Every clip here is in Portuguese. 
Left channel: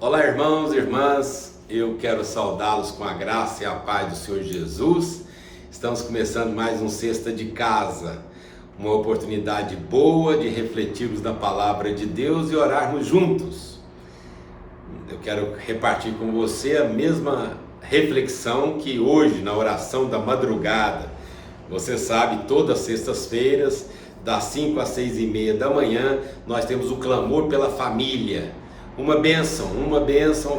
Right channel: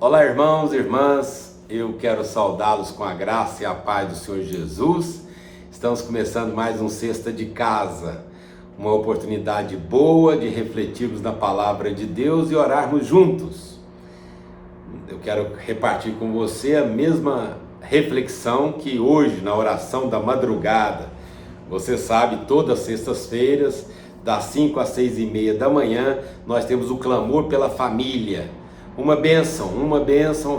Olá, irmãos e irmãs, eu quero saudá-los com a graça e a paz do Senhor Jesus. Estamos começando mais um Sexta de Casa, uma oportunidade boa de refletirmos na palavra de Deus e orarmos juntos. Eu quero repartir com você a mesma reflexão que hoje, na oração da madrugada. Você sabe, todas as sextas-feiras, das 5 às 6h30 da manhã, nós temos o clamor pela família. Uma bênção,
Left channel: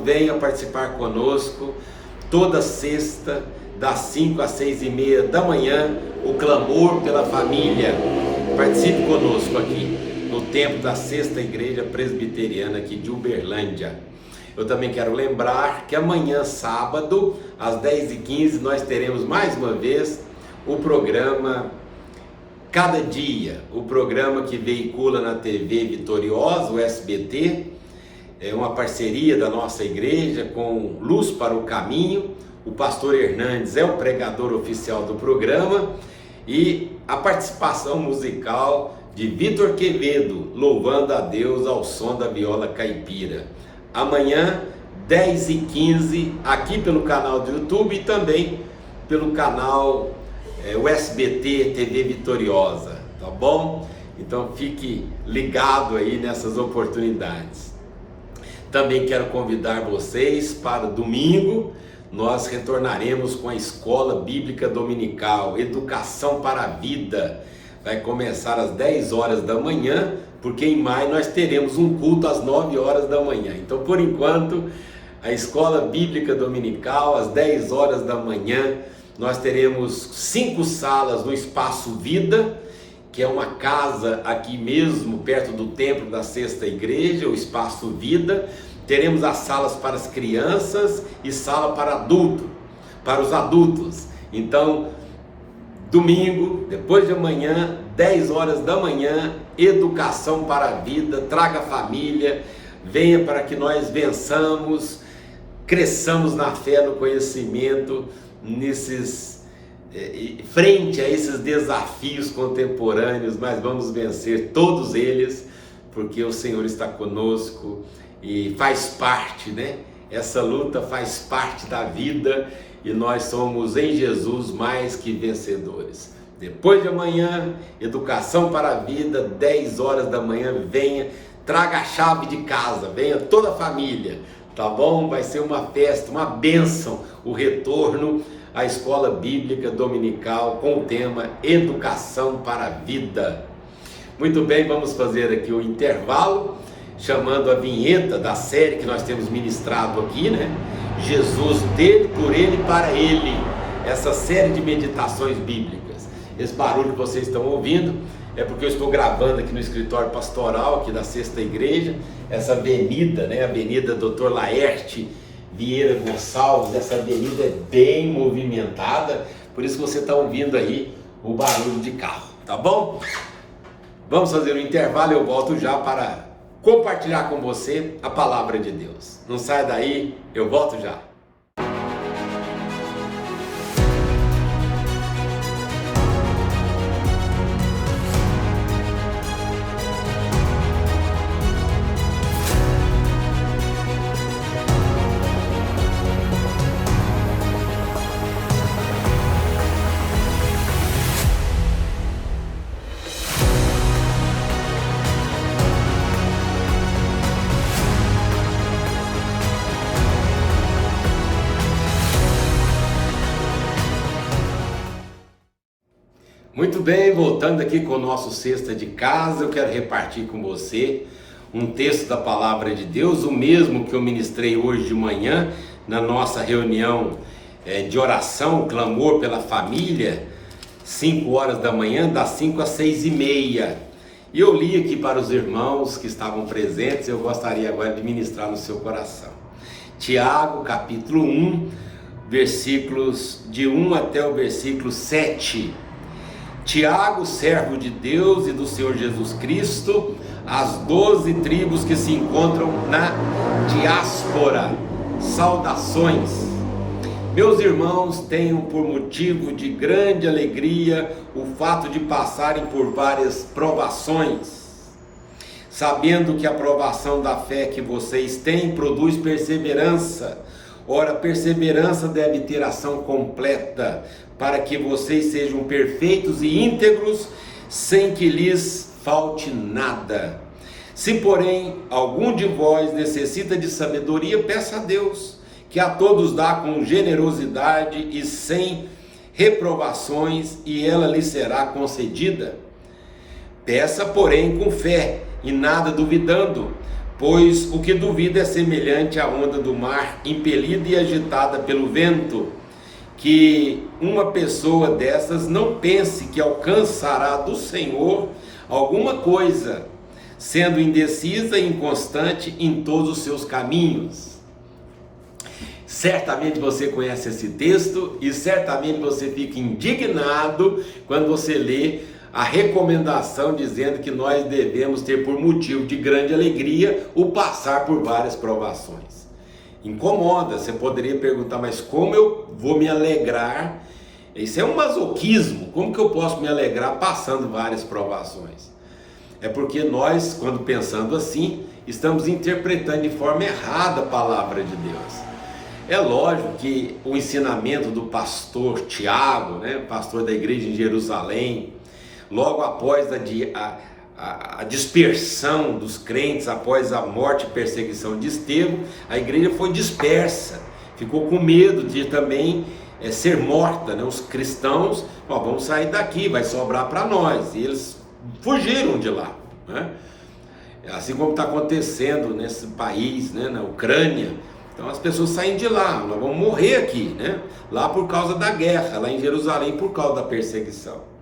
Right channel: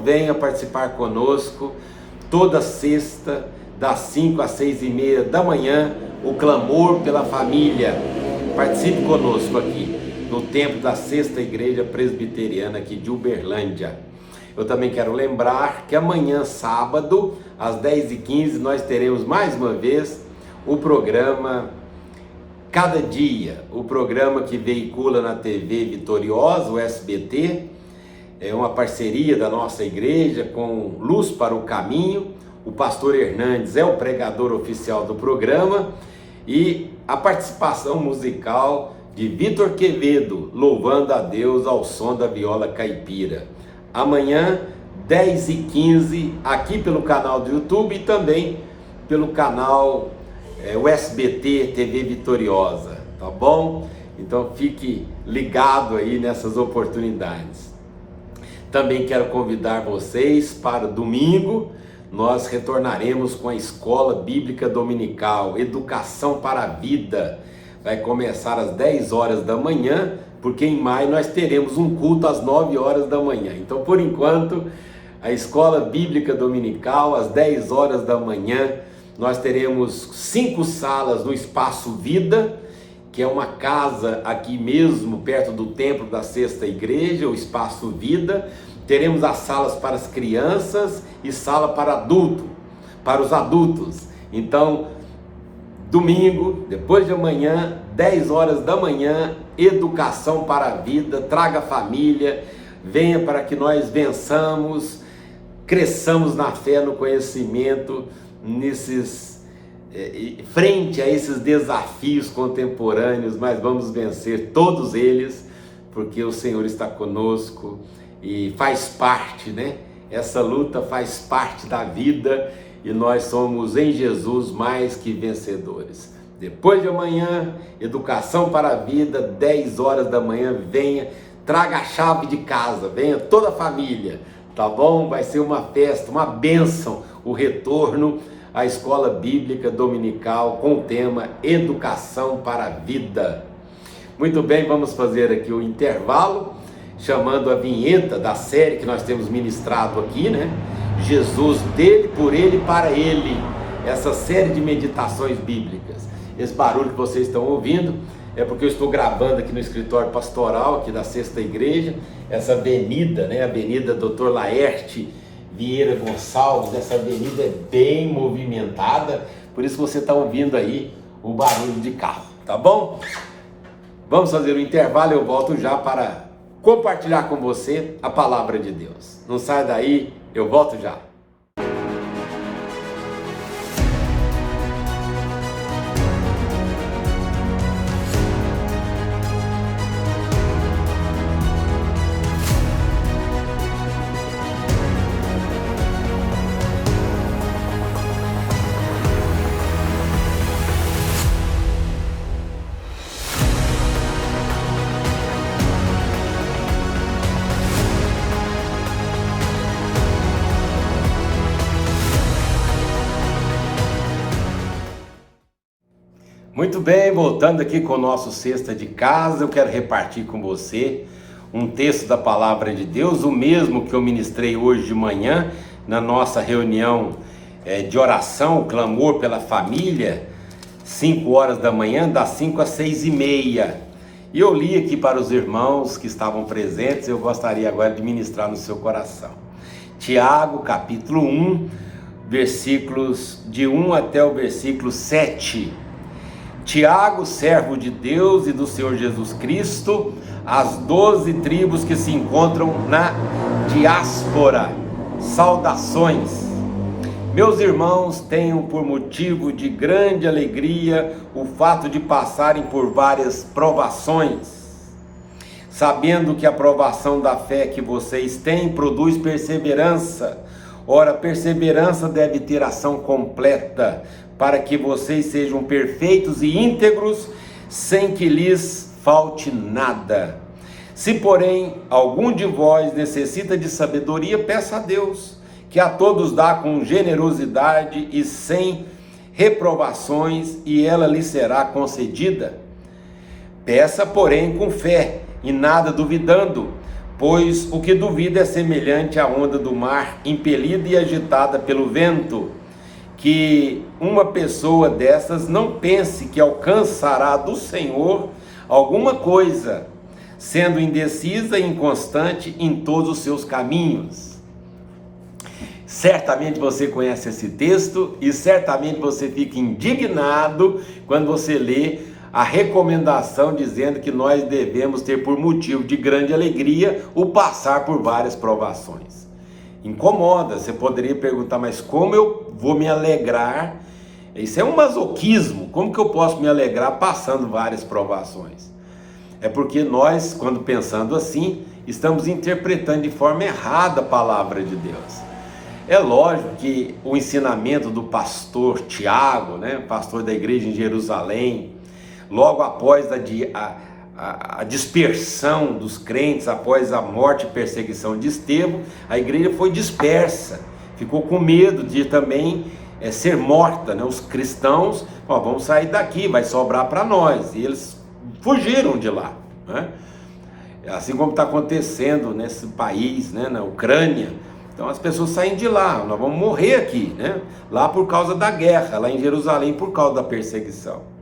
venha participar conosco, toda sexta, das 5 às 6h30 da manhã, o clamor pela família. Participe conosco aqui, no templo da Sexta Igreja Presbiteriana aqui de Uberlândia. Eu também quero lembrar que amanhã, sábado, às 10h15, nós teremos mais uma vez o programa Cada Dia, o programa que veicula na TV Vitoriosa, o SBT. É uma parceria da nossa igreja com Luz para o Caminho. O pastor Hernandes é o pregador oficial do programa e a participação musical de Vitor Quevedo, louvando a Deus ao som da viola caipira. Amanhã, 10h15, aqui pelo canal do YouTube e também pelo canal o SBT TV Vitoriosa, tá bom? Então fique ligado aí nessas oportunidades. Também quero convidar vocês para domingo, nós retornaremos com a Escola Bíblica Dominical, Educação para a Vida. Vai começar às 10 horas da manhã, porque em maio nós teremos um culto às 9 horas da manhã. Então, por enquanto, a Escola Bíblica Dominical, às 10 horas da manhã, nós teremos 5 salas no Espaço Vida, que é uma casa aqui mesmo, perto do templo da Sexta Igreja, o Espaço Vida. Teremos as salas para as crianças e sala para os adultos. Então, domingo, depois de amanhã, 10 horas da manhã, Educação para a Vida. Traga a família, venha para que nós vençamos, cresçamos na fé, no conhecimento, frente a esses desafios contemporâneos, mas vamos vencer todos eles, porque o Senhor está conosco e faz parte, né? Essa luta faz parte da vida e nós somos em Jesus mais que vencedores. Depois de amanhã, Educação para a Vida, 10 horas da manhã, venha, traga a chave de casa, venha toda a família, tá bom? Vai ser uma festa, uma bênção, o retorno à Escola Bíblica Dominical com o tema Educação para a Vida. Muito bem, vamos fazer aqui o intervalo, chamando a vinheta da série que nós temos ministrado aqui, né? Jesus, dele, por ele, para ele. Essa série de meditações bíblicas. Esse barulho que vocês estão ouvindo é porque eu estou gravando aqui no escritório pastoral aqui da Sexta Igreja, essa avenida, né? Avenida Dr. Laerte Vieira Gonçalves. Essa avenida é bem movimentada, por isso você está ouvindo aí o barulho de carro, tá bom? Vamos fazer um intervalo, eu volto já para compartilhar com você a palavra de Deus. Não sai daí, eu volto já. Muito bem, voltando aqui com o nosso Sexta de Casa, eu quero repartir com você um texto da Palavra de Deus, o mesmo que eu ministrei hoje de manhã, na nossa reunião de oração, o clamor pela família, 5 horas da manhã, das 5 às 6h30. E eu li aqui para os irmãos que estavam presentes, eu gostaria agora de ministrar no seu coração. Tiago, capítulo 1, versículos de 1 até o versículo 7. Tiago, servo de Deus e do Senhor Jesus Cristo, as 12 tribos que se encontram na diáspora, saudações. Meus irmãos, tenham por motivo de grande alegria o fato de passarem por várias provações, sabendo que a provação da fé que vocês têm produz perseverança. Ora, perseverança deve ter ação completa, para que vocês sejam perfeitos e íntegros, sem que lhes falte nada. Se, porém, algum de vós necessita de sabedoria, peça a Deus, que a todos dá com generosidade e sem reprovações, e ela lhe será concedida. Peça, porém, com fé, e nada duvidando, pois o que duvida é semelhante à onda do mar, impelida e agitada pelo vento. Que uma pessoa dessas não pense que alcançará do Senhor alguma coisa, sendo indecisa e inconstante em todos os seus caminhos. Certamente você conhece esse texto e certamente você fica indignado quando você lê a recomendação dizendo que nós devemos ter por motivo de grande alegria o passar por várias provações. Incomoda, você poderia perguntar, mas como eu vou me alegrar? Isso é um masoquismo, como que eu posso me alegrar passando várias provações? É porque nós, quando pensando assim, estamos interpretando de forma errada a palavra de Deus. É lógico que o ensinamento do pastor Tiago, pastor da igreja em Jerusalém, logo após a dispersão dos crentes, após a morte e perseguição de Estevão, a igreja foi dispersa, ficou com medo de também ser morta, Os cristãos, vamos sair daqui, vai sobrar para nós, e eles fugiram de lá, Assim como está acontecendo nesse país, na Ucrânia. Então as pessoas saem de lá, nós vamos morrer aqui, Lá por causa da guerra, lá em Jerusalém por causa da perseguição.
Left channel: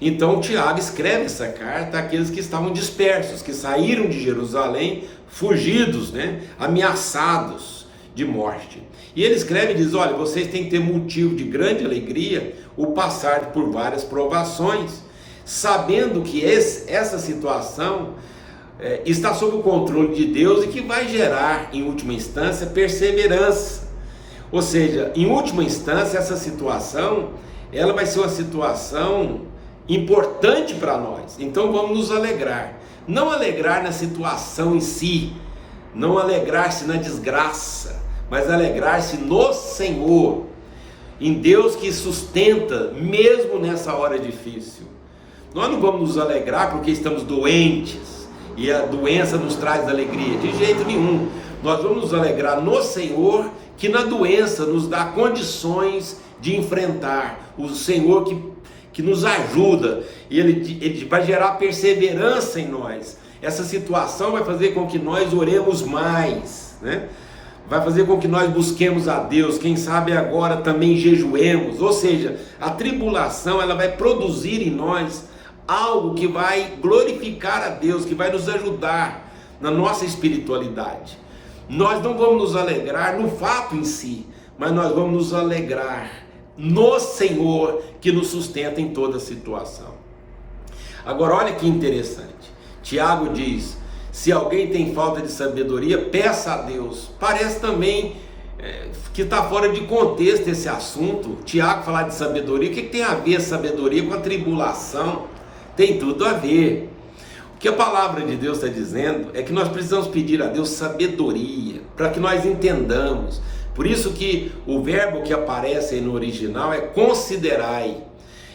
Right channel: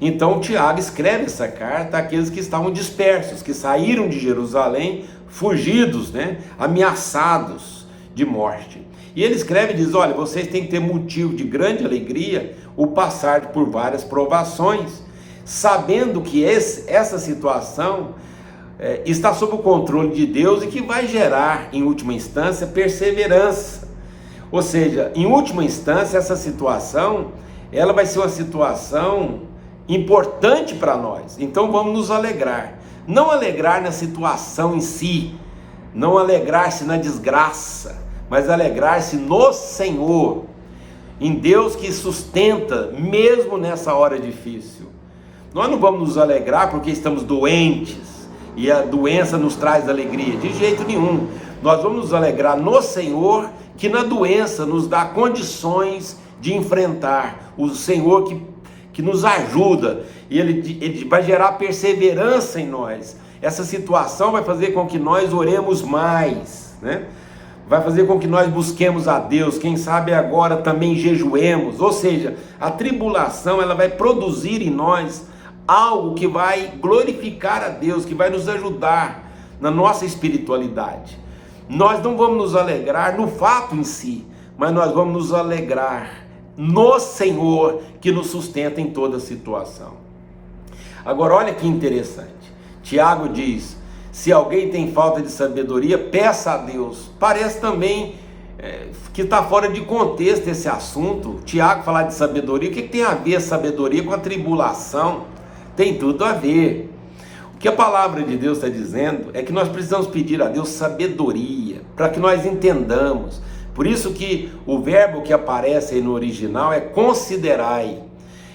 Então Tiago escreve essa carta àqueles que estavam dispersos, que saíram de Jerusalém, fugidos, ameaçados de morte. E ele escreve e diz, olha, vocês têm que ter motivo de grande alegria o passar por várias provações, sabendo que essa situação está sob o controle de Deus e que vai gerar, em última instância, perseverança. Ou seja, em última instância, essa situação, ela vai ser uma situação importante para nós, então vamos nos alegrar, não alegrar na situação em si, não alegrar-se na desgraça, mas alegrar-se no Senhor, em Deus que sustenta, mesmo nessa hora difícil. Nós não vamos nos alegrar porque estamos doentes, e a doença nos traz alegria, de jeito nenhum. Nós vamos nos alegrar no Senhor, que na doença nos dá condições de enfrentar, o Senhor que nos ajuda, e ele vai gerar perseverança em nós. Essa situação vai fazer com que nós oremos mais, Vai fazer com que nós busquemos a Deus, quem sabe agora também jejuemos. Ou seja, a tribulação ela vai produzir em nós algo que vai glorificar a Deus, que vai nos ajudar na nossa espiritualidade. Nós não vamos nos alegrar no fato em si, mas nós vamos nos alegrar no Senhor que nos sustenta em toda situação. Agora olha que interessante, Tiago diz, se alguém tem falta de sabedoria, peça a Deus. Parece também que está fora de contexto esse assunto. Tiago falar de sabedoria, o que tem a ver a sabedoria com a tribulação? Tem tudo a ver. O que a palavra de Deus está dizendo é que nós precisamos pedir a Deus sabedoria, para que nós entendamos. Por isso que o verbo que aparece aí no original é considerai.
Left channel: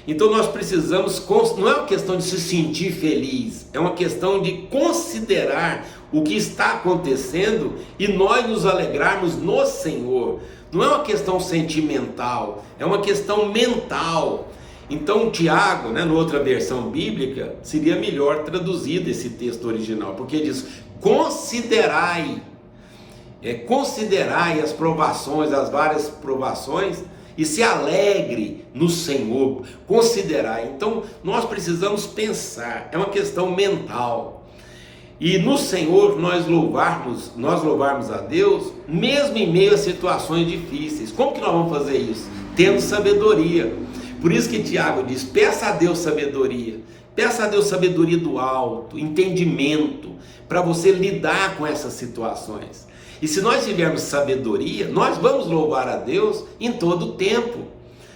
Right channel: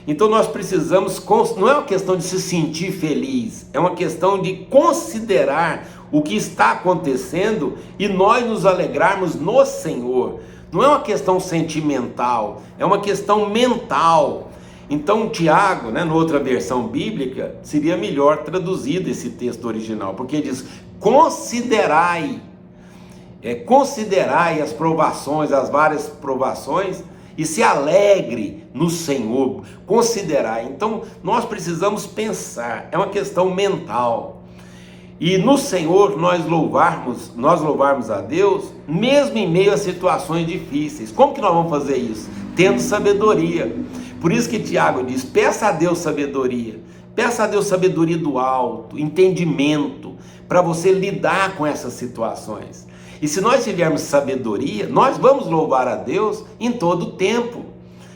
Então nós precisamos, não é uma questão de se sentir feliz, é uma questão de considerar o que está acontecendo e nós nos alegrarmos no Senhor. Não é uma questão sentimental, é uma questão mental. Então Tiago, na outra versão bíblica, seria melhor traduzido esse texto original, porque diz, considerai. Considerai as provações, as várias provações, e se alegre no Senhor, considerai. Então nós precisamos pensar, é uma questão mental, e no Senhor nós louvarmos a Deus, mesmo em meio a situações difíceis. Como que nós vamos fazer isso? Tendo sabedoria. Por isso que Tiago diz, peça a Deus sabedoria, peça a Deus sabedoria do alto, entendimento, para você lidar com essas situações. E se nós tivermos sabedoria, nós vamos louvar a Deus em todo o tempo,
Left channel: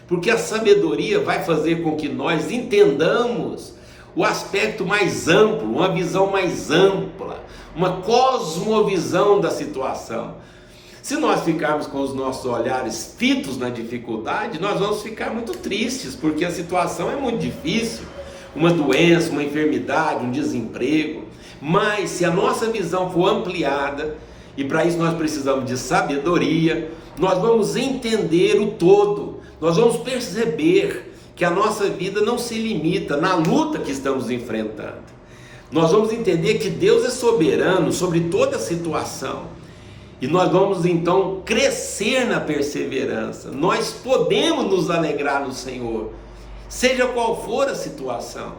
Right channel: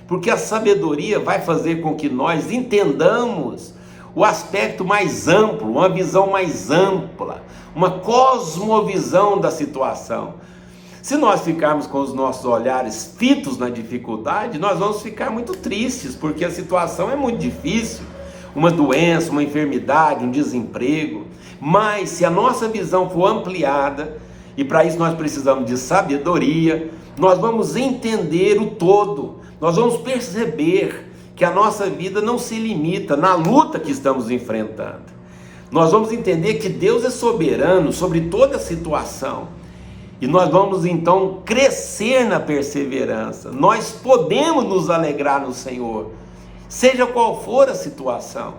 porque a sabedoria vai fazer com que nós entendamos o aspecto mais amplo, uma visão mais ampla, uma cosmovisão da situação. Se nós ficarmos com os nossos olhares fitos na dificuldade, nós vamos ficar muito tristes, porque a situação é muito difícil. Uma doença, uma enfermidade, um desemprego. Mas se a nossa visão for ampliada, e para isso nós precisamos de sabedoria, nós vamos entender o todo, nós vamos perceber que a nossa vida não se limita na luta que estamos enfrentando. Nós vamos entender que Deus é soberano sobre toda a situação. E nós vamos então crescer na perseverança. Nós podemos nos alegrar no Senhor, seja qual for a situação.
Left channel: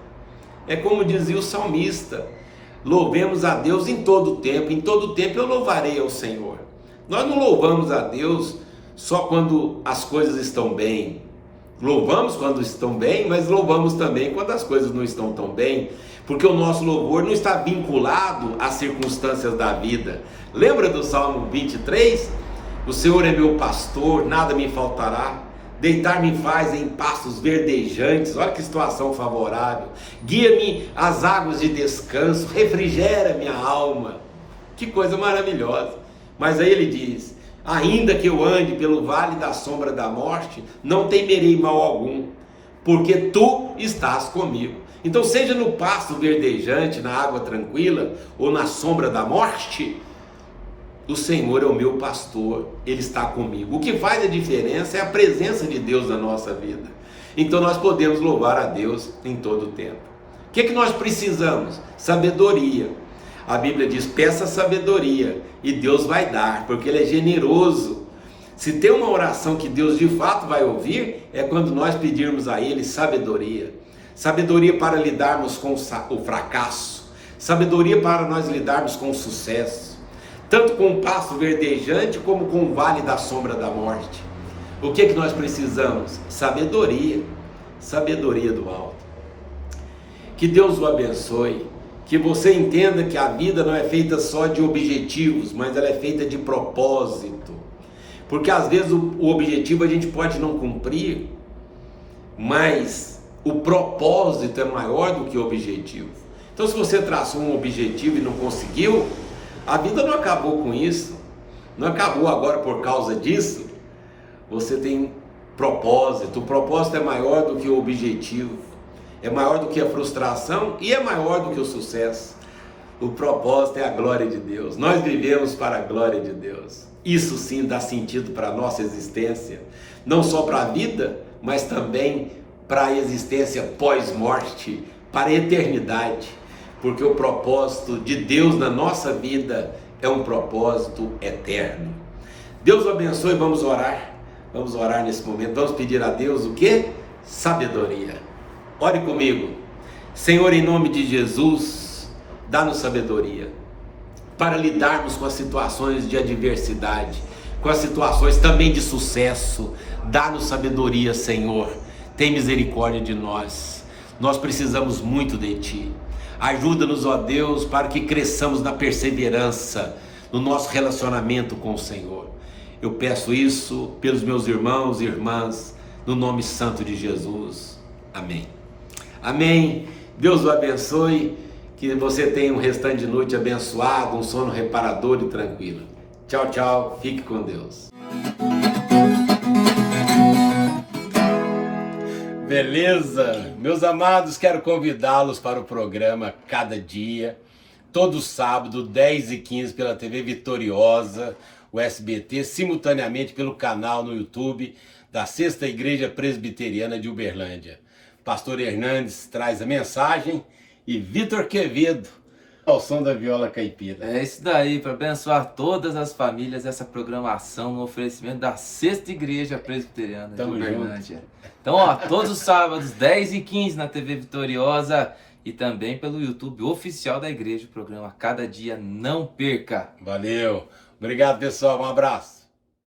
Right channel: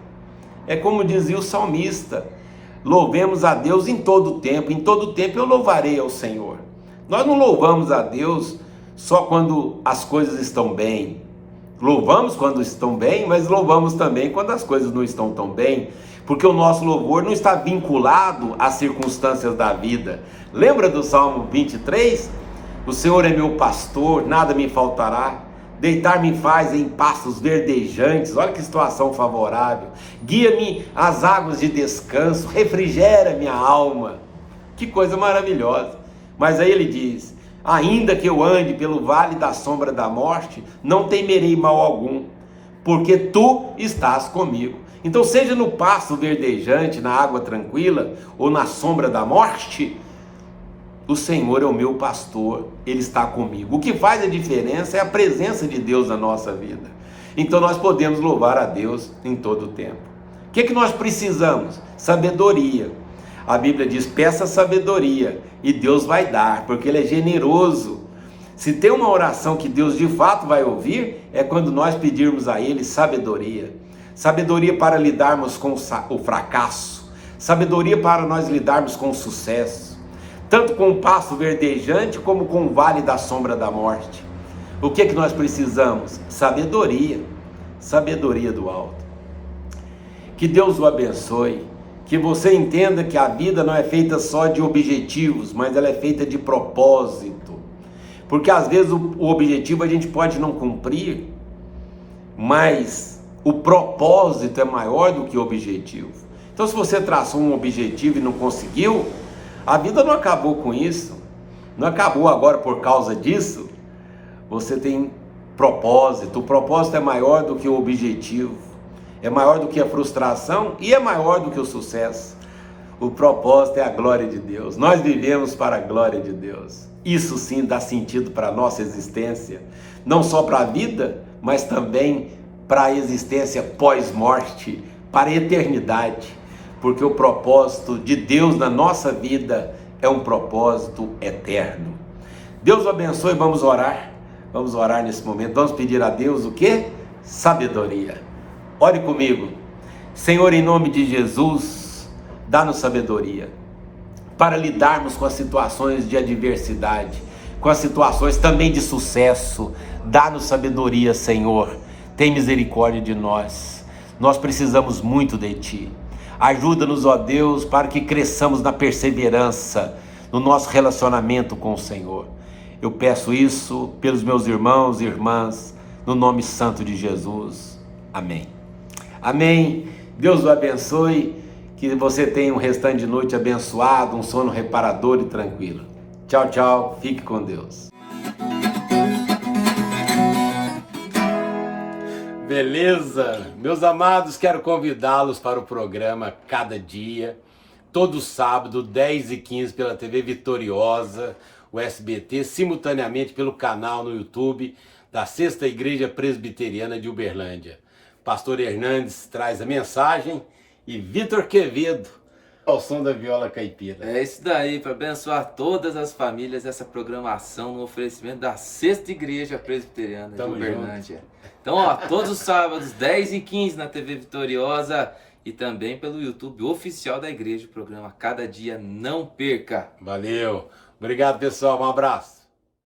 É como dizia o salmista: louvemos a Deus em todo tempo eu louvarei ao Senhor. Nós não louvamos a Deus só quando as coisas estão bem. Louvamos quando estão bem, mas louvamos também quando as coisas não estão tão bem, porque o nosso louvor não está vinculado às circunstâncias da vida. Lembra do Salmo 23? O Senhor é meu pastor, nada me faltará. Deitar-me faz em pastos verdejantes. Olha que situação favorável. Guia-me às águas de descanso, refrigera minha alma. Que coisa maravilhosa. Mas aí ele diz: ainda que eu ande pelo vale da sombra da morte, não temerei mal algum, porque tu estás comigo. Então, seja no pasto verdejante, na água tranquila, ou na sombra da morte, o Senhor é o meu pastor, Ele está comigo. O que faz a diferença é a presença de Deus na nossa vida. Então nós podemos louvar a Deus em todo o tempo. O que nós precisamos? Sabedoria. A Bíblia diz: peça sabedoria e Deus vai dar, porque Ele é generoso. Se tem uma oração que Deus de fato vai ouvir, é quando nós pedirmos a Ele sabedoria. Sabedoria para lidarmos com o fracasso, sabedoria para nós lidarmos com o sucesso, tanto com o pasto verdejante como com o vale da sombra da morte. O que nós precisamos? Sabedoria, sabedoria do alto. Que Deus o abençoe, que você entenda que a vida não é feita só de objetivos, mas ela é feita de propósito, porque às vezes o objetivo a gente pode não cumprir, mas o propósito é maior do que o objetivo. Então, se você traçou um objetivo e não conseguiu, a vida não acabou com isso, não acabou agora por causa disso. Você tem propósito, o propósito é maior do que o objetivo, é maior do que a frustração e é maior do que o sucesso. O propósito é a glória de Deus, nós vivemos para a glória de Deus. Isso sim dá sentido para a nossa existência, não só para a vida, mas também para a existência pós-morte, para a eternidade, porque o propósito de Deus na nossa vida é um propósito eterno. Deus o abençoe. Vamos orar nesse momento, vamos pedir a Deus o quê? Sabedoria. Ore comigo. Senhor, em nome de Jesus, dá-nos sabedoria para lidarmos com as situações de adversidade, com as situações também de sucesso. Dá-nos sabedoria, Senhor. Tem misericórdia de nós. Nós precisamos muito de Ti. Ajuda-nos, ó Deus, para que cresçamos na perseverança, no nosso relacionamento com o Senhor. Eu peço isso pelos meus irmãos e irmãs, no nome santo de Jesus. Amém. Amém. Deus o abençoe. Que você tenha um restante de noite abençoado, um sono reparador e tranquilo. Tchau, tchau. Fique com Deus. Beleza? Meus amados, quero convidá-los para o programa Cada Dia, todo sábado, 10h15, pela TV Vitoriosa, o SBT, simultaneamente pelo canal no YouTube da Sexta Igreja Presbiteriana de Uberlândia. Pastor Hernandes traz a mensagem e Vitor Quevedo ao som da viola caipira. É isso daí, para abençoar todas as famílias, essa programação no oferecimento da Sexta Igreja Presbiteriana de Uberlândia. Então, ó, todos os sábados, 10h15 na TV Vitoriosa e também pelo YouTube oficial da igreja, o programa Cada Dia. Não perca! Valeu! Obrigado, pessoal. Um abraço.